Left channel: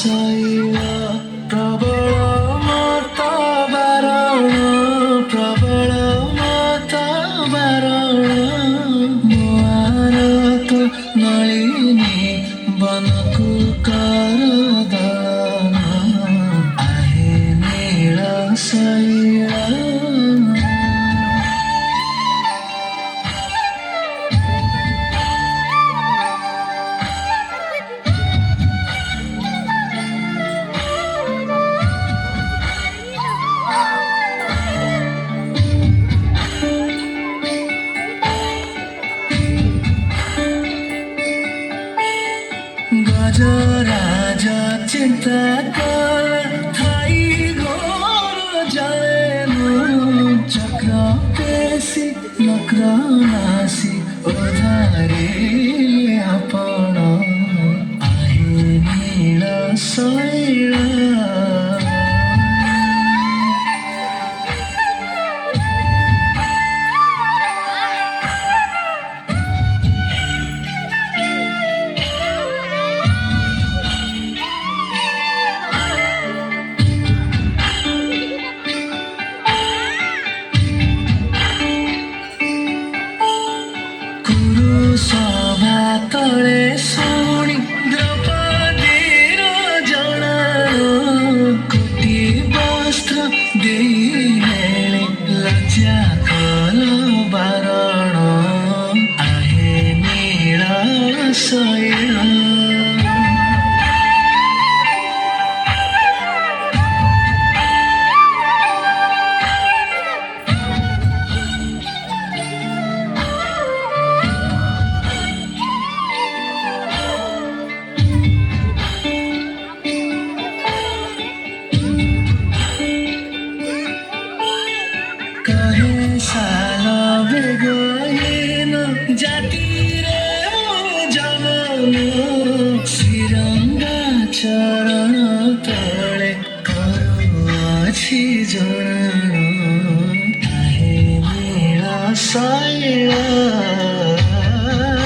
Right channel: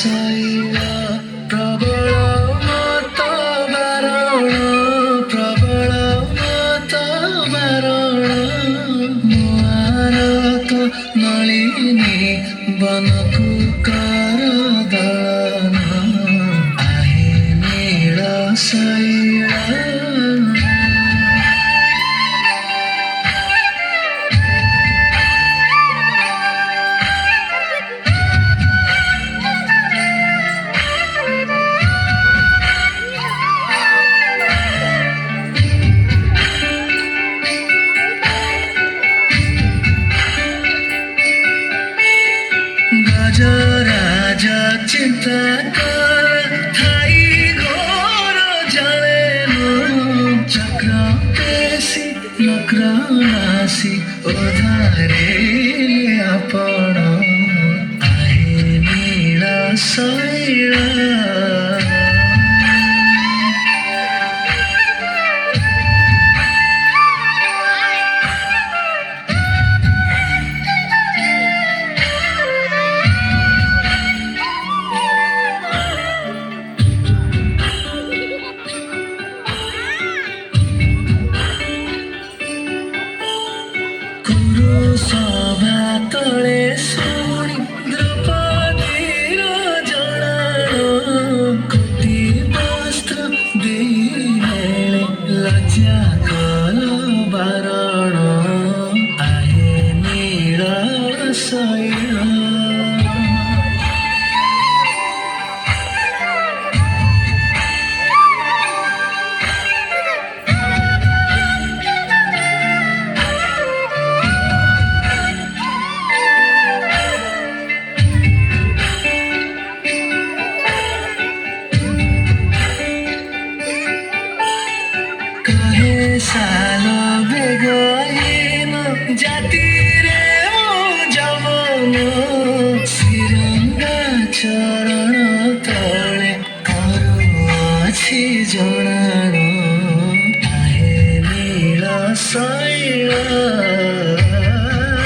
ଶୈଳ ପ୍ରବଳ ମତ ବାରଣ ପ୍ରବଳ ମତ ବାରଣ ମୁଆର ତ ନଳିନୀ ବନକୁ କର ଦଳନ ଆହେ ନୀଳ ଶୈଳ गजराज चिंता कर थाई घोर जलेनु चक्र पेशी नक्र नासी ओधारे आपण आहे नीळ शैळ ସଭା ତଳେ ଶୁଣି ଦ୍ରୌପଦୀର ଜଣାଣ କୋଟି ବସ୍ତ୍ର ଦେଇ ଲଜ୍ଜା କର ବାରଣ ଆହେ ନୀଳ ଶୈଳ